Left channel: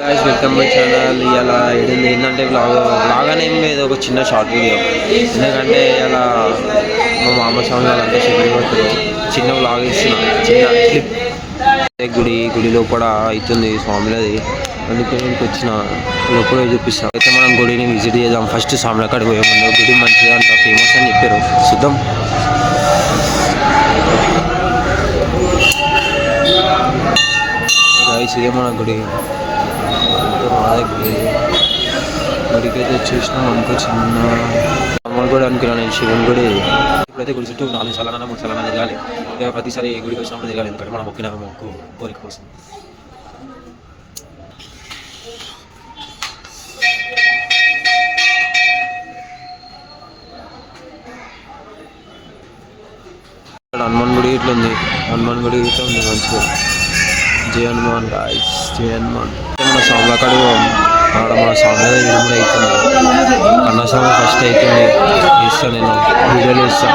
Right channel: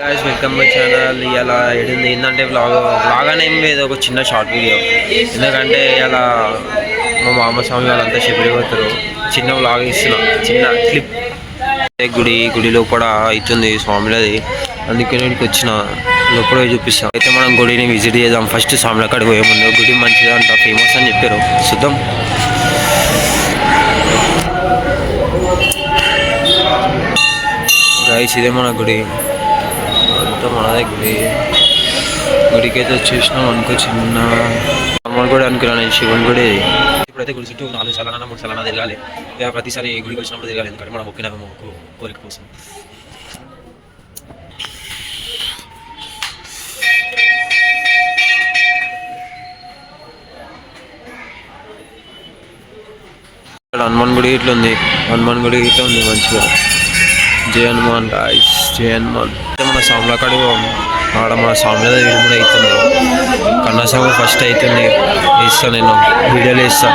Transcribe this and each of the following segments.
Guys welcome my channel. ఇలా ఏంటంటే vlog అని ఏం లేదు, ఒక చిన్న షార్ట్ వీడియో. ఎందుకంటే ఇలా మా మామ స్వామి వాళ్ళంతా షిప్కి పోతారు. చిన్న వ్లాగ్ ఇస్తున్నా, చిన్న క్లిప్. గుడి లోపల అవుతుంది స్వామిలది, అందుకే నేను వచ్చిన లోపల చూపిస్తాం. అయితే మనం గుడిని విజిట్ చేద్దాం. ఫస్ట్ స్వామిల కాడికి పోయే ముందు గుడి మంచిగా అంట ఫేమస్ అని చెప్పారు, చూద్దాం. గాయ్స్ ఇదే మన గుడి, అంతా మన దగ్గర. గుడికి అయితే వచ్చేసినాం అనుకో, చిన్న అమ్మని కూడా అనుకున్నా నేను, శివుని గుడి. ఇప్పుడైతే గుడి చుట్టూ 4 సార్లు 3 సార్లు తిరగాలి. ప్రతిసారి గుడికి వచ్చినప్పుడు తిరగాలి, ఎందుకంటే మనం మొక్కిన మొక్కు కోరిక కోసం. ఇక్కడ హనుమాన్ గుడి ఇట్లా ఉంది, హనుమాన్ గుడి ఇట్లా ఉంది మంచిగా. జై హనుమాన్ గాయ్స్, జై హనుమాన్. మన సాముల కాడికి ఆడ మన సాముల విడుముడు అవుతుంది. కన్నస్వామి ఫస్ట్ అవుతుంది, వేస్తా నేను వీడియోలు వేస్తా.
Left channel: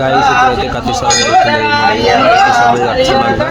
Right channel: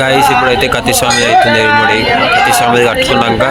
గాయస్ ఇప్పుడైతే కత్తి స్వామి అవుతుంది. మరి కత్తి స్వామి కట్టుకున్నాక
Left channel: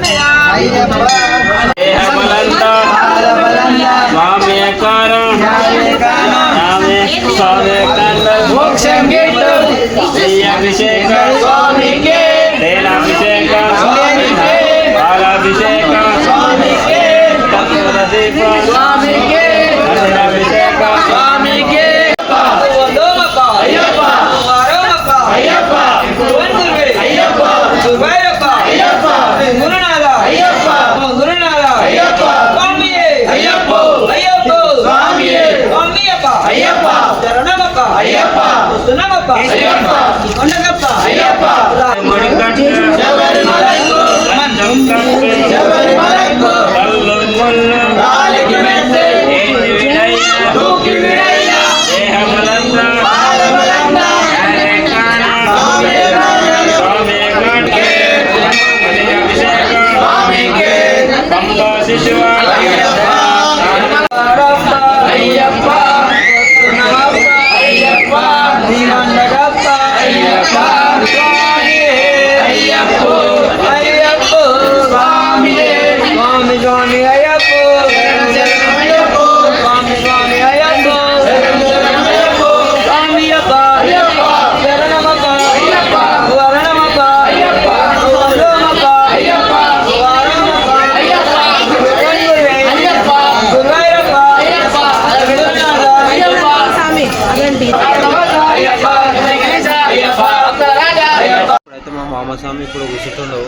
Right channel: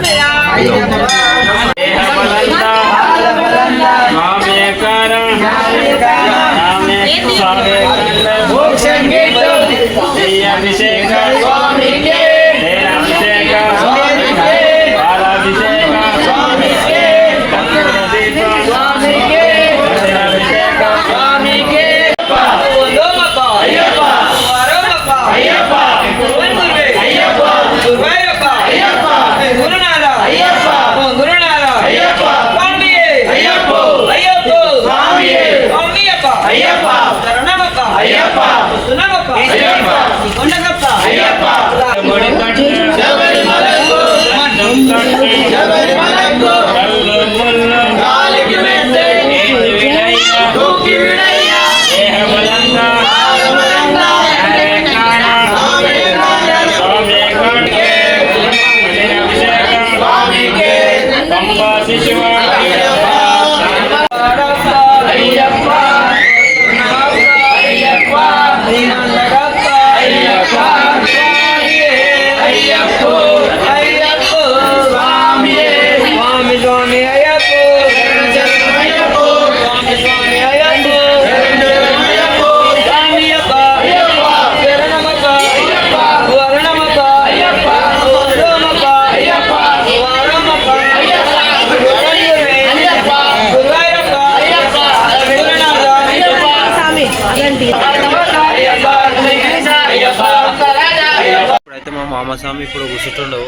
మా మామస్వామి ఇప్పుడు కూర్చుంటుండవు,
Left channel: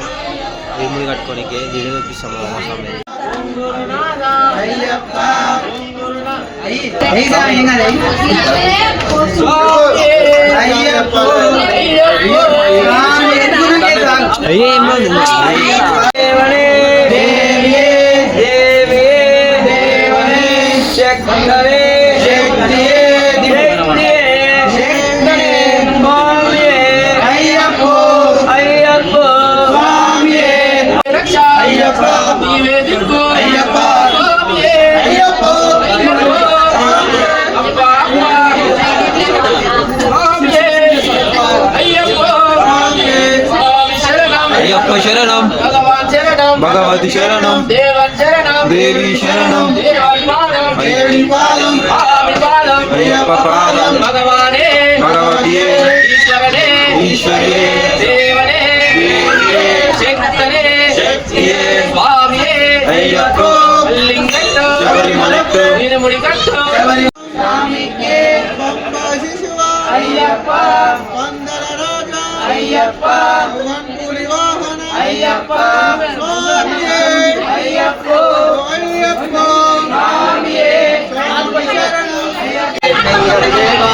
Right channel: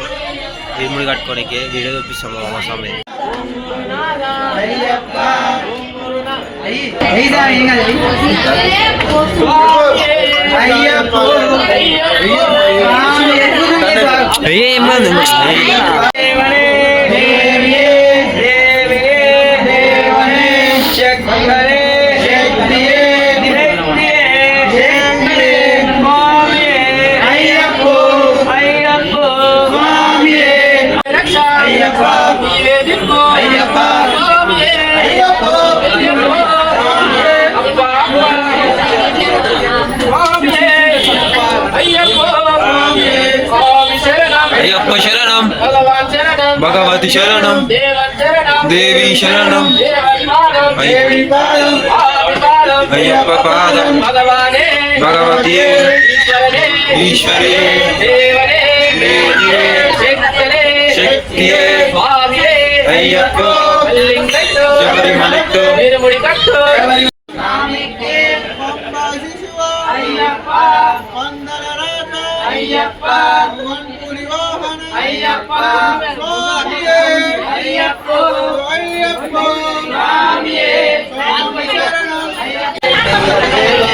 ఇరుముడి కట్టుకోనికి వీడియో చూపిస్తాం. మా మామస్వామి అయ్యప్ప శరణం, భగవతి శరణం, దేవి శరణం, అయ్యప్ప పాదం, భగవతి ఈశ్వరే, శక్తియే, అయ్యప్ప శబరిమలతో అయ్యప్ప పందల రాజా అయ్యప్ప వంపుని వాహన అయ్యప్ప స్వామియే అయ్యప్ప అయ్యప్ప స్వామియే స్వామి శరణం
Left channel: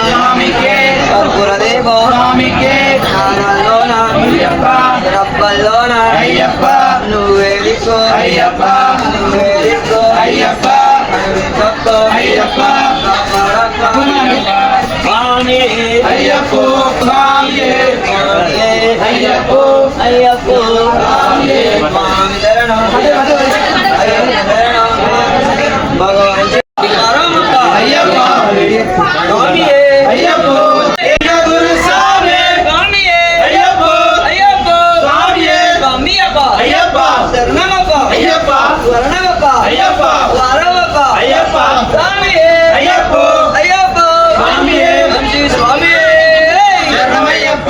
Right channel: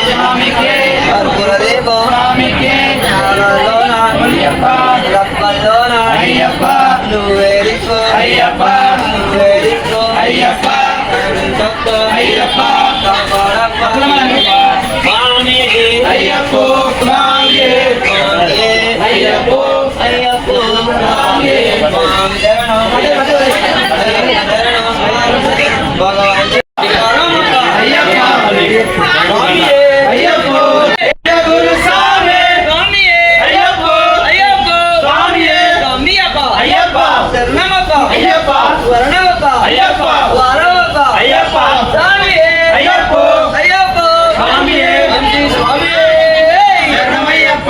స్వామికే గురుదేవో స్వామికే నారాయణ అయ్యప్ప రబ్బలోన అయ్యప్ప నువ్వే దిక్కు అయ్యప్ప నువ్వే దిక్కు అయ్యప్ప అయ్యప్ప స్వామి అయ్యప్ప స్వామి అయ్యప్ప అయ్యప్ప స్వామి భగవాన్ అయ్యప్ప స్వామి అయ్యప్ప గురు స్వామి అయ్యప్ప అయ్యప్ప స్వామి అయ్యప్ప శరణమప్ప అయ్యప్ప వర్ణమప్ప అయ్యప్ప వారమప్ప అయ్యప్ప స్వామి అయ్యప్ప అయ్యప్ప స్వామి స్వామి శరణమయ్యప్ప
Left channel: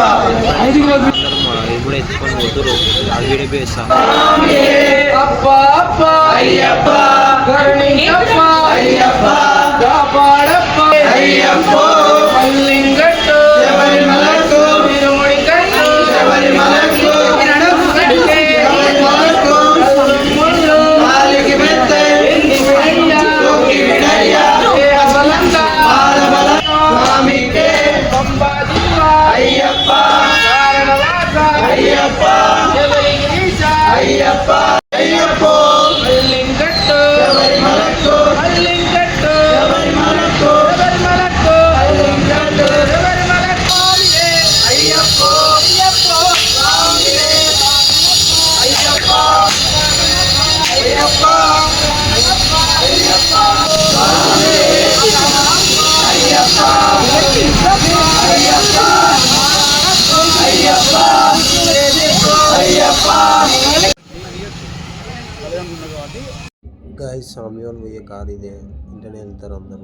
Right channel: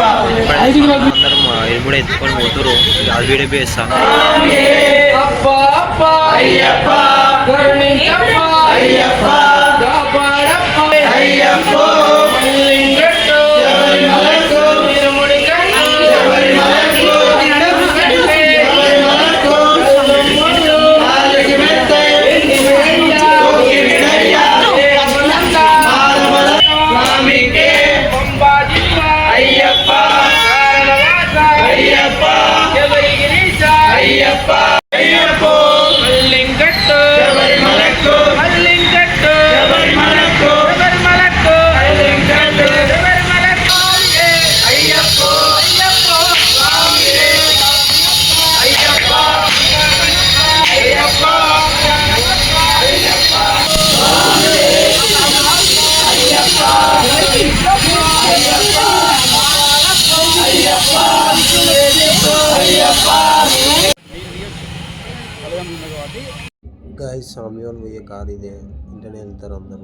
ఇప్పుడు ఎత్తుకొని పోతురు అది వీడియో వేస్తా అప్ప అప్ప అయ్యప్ప కరుణించప్ప అయ్యప్ప కాపాడప్ప అయ్యప్ప మల్లింగట్టు శబరిమలకు తిరుముడి కట్టు శబరిమలకు నడుము కట్టే శబరిమలకు ముళ్ళు నాలుగు మెత్తే కోకి విడయ్య దేవలంక ఆలబల స్వామికే పంబా జిల్లా అయ్యప్ప కారణవాస అయ్యప్ప శబరిగిరీశ అయ్యప్ప అయ్యప్ప మల్లింగట్టు శబరిమలకు మల్లింగట్టు శబరిమలకు శబరిమలకు మల్లింగట్టు శబరిమలకు అయ్యప్ప అయ్యప్ప స్వామి అయ్యప్ప అయ్యప్ప అయ్యప్ప స్వామి అయ్యప్ప అయ్యప్ప అయ్యప్ప అయ్యప్ప గాయస్ స్వామి వాళ్ళు పోయే కారు ఇదే ఇంటనే వెళ్తారు అందరూ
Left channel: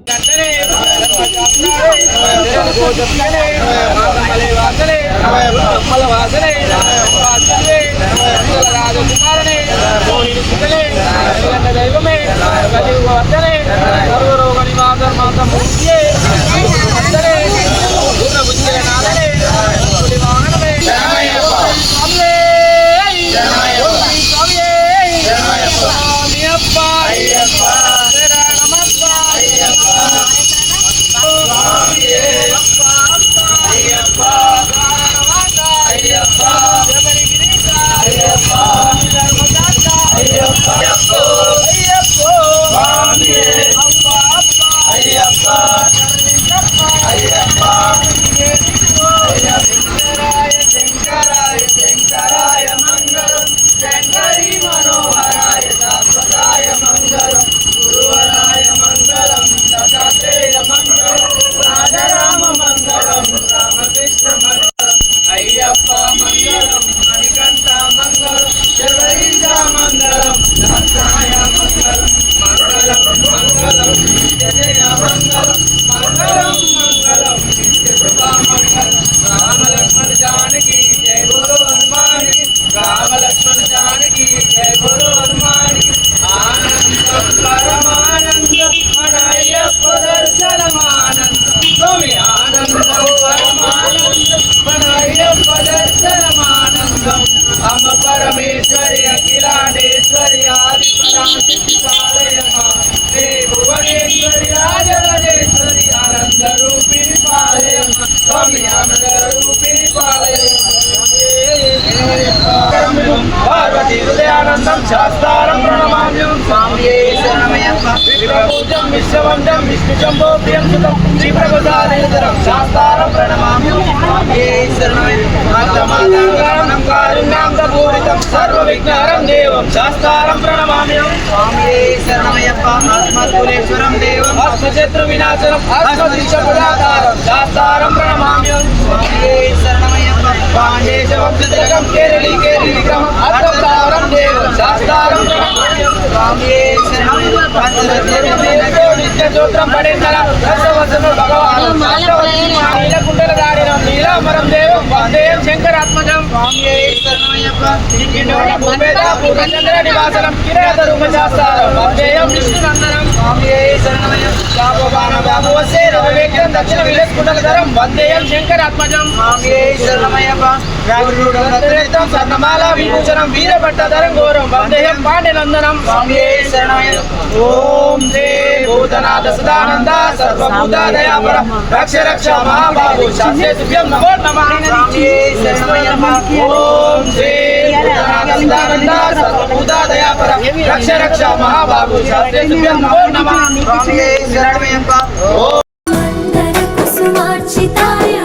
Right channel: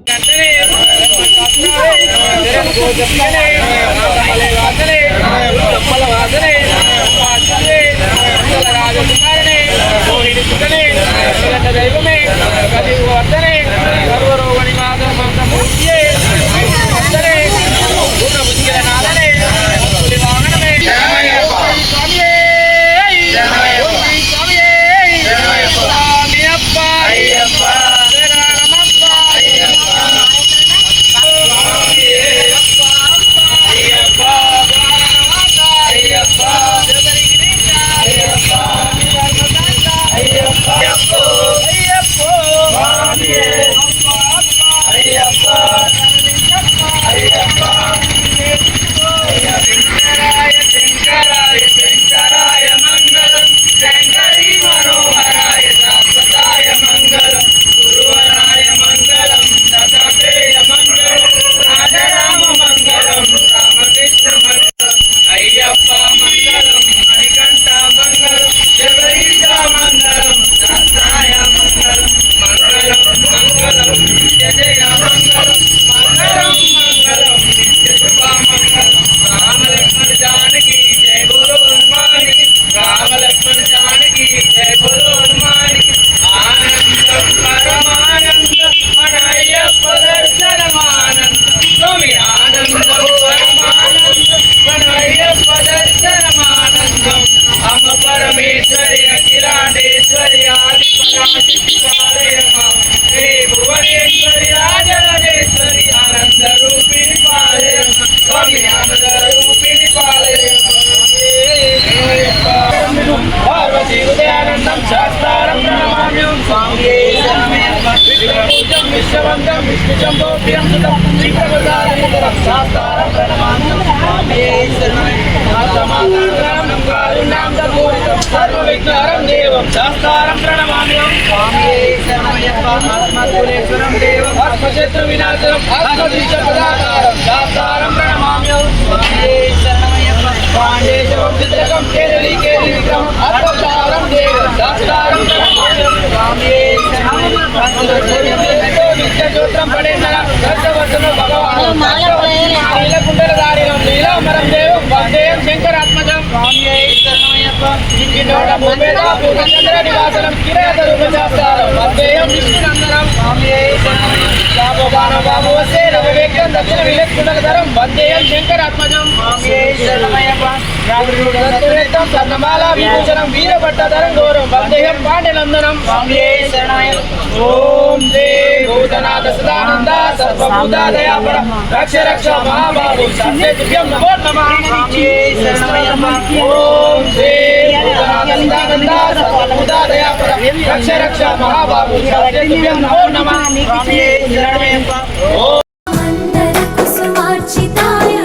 దైవమే వర్ధనే సర్వరోగ నివాస మాతమూర్తియే వర్ధనే పూర్ణబుద్ధిగల నాదనే వాహనమే స్వామియే స్వామియే స్వామి అప్ప అయ్యప్ప శరణమప్ప అయ్యప్ప స్వామియే అప్ప అప్ప అయ్యప్ప శరణవాస అయ్యప్ప శబరిగిరీశ అయ్యప్ప ధర్మదాత అయ్యప్ప అయ్యప్ప అయ్యప్ప స్వామియే అప్ప అప్ప అయ్యప్ప శరణించప్ప అయ్యప్ప శంకరాయ శంకరాయ శంకరాయ మంగళం శంకరీ మనోహరాయ శాశ్వతాయ మంగళం గురువరాయ మంగళం దత్తాత్రేయ మంగళం రాజరామ మంగళం రామకృష్ణ మంగళం అయ్యప్ప మంగళం మణికంఠ మంగళం శబరీశ మంగళం దత్తాయ మంగళం మంగళం మంగళం జయ మంగళం మంగళం మంగళం నిత్య శుభ మంగళం రామ లక్ష్మణ జానకి జయ గురు హనుమానికి రామ లక్ష్మణ జానకి జయ గురు హనుమానికి ఆనందం పరమానందం మన అయ్యప్ప దర్శనమానందం స్వామి ఆనందం పరమానందం మన అయ్యప్ప దర్శనమానందం అమ్మ పరమేశ్వరి అఖిలాండేశ్వరి ఆది పరాశక్తి పాలయమా శ్రీ భువనేశ్వరి రాజరాజేశ్వరి ఆనంద రూపిణి పాలయమా స్వామి ఆనంద రూపిణి పాలయమా పార్వతీ హృదయానందం శాస్త్రం ప్రణమామ్యం స్వామియే శరణమయ్యప్ప విప్రపూజ్యం విశ్వవంద్యం విష్ణు జంబో ప్రియం సుతం శ్రీప్రభుదానేతరం శాస్త్రం ప్రణమామ్యం స్వామియే శరణమయ్యప్ప కారుణ్యాం పూరితం సర్వ విఘ్నహరం దేవం శాస్త్రం ప్రణమామ్యం స్వామియే శరణమయ్యప్ప ఆత్మకులేశ్వరం దేవం ఆత్మశత్రు వినాశనం ఆత్మదిశపదాతారం శాస్త్రం ప్రణమామ్యం స్వామియే శరణమయ్యప్ప పాండేశ వంశజగం కేరళి కేరళి విగ్రహం అర్థప్రావరం దేవం శాస్త్రం ప్రణమామ్యం స్వామియే శరణమయ్యప్ప పంచరత్నమేనతో నిత్య స్తోత్రం పడేందర దశవసన భగవాన్ శాస్త్రవతి నీలకుండల దారినం నీలామరం దేవం వందేయం శంకరాత్మజం స్వామియే శరణమయ్యప్ప ఇంకినోడ భూపేద పూర్ణచంద్ర నివాసనం కిరేత రూపశాస్త్రం వందేయం విష్ణునందనం స్వామియే శరణమయ్యప్ప బాబోబాన బాబువసే రవివేక్యం దక్షిణ విలక్కుండలధరం వందేయం శంకరాత్మజం స్వామియే శరణమయ్యప్ప రాజురుడం స్వర్ణమాల విభూషణం వీరభట్టధరం ఘోరం వందేయం పాండ్యనందనం స్వామియే శరణమయ్యప్ప ఓం శ్రీ భూతనాథ సదానంద సర్వభూత దయాపర రక్ష రక్ష మహాబాబు శాస్త్రే దివ్యం నమో నమః స్వామియే శరణమయ్యప్ప ఓం శ్రీ భూతనాథ సదానంద సర్వభూత దయాపర రక్ష రక్ష మహాబాబు శాస్త్రే దివ్యం నమో నమః స్వామియే శరణమయ్యప్ప మందర కుసుమార్చితాయ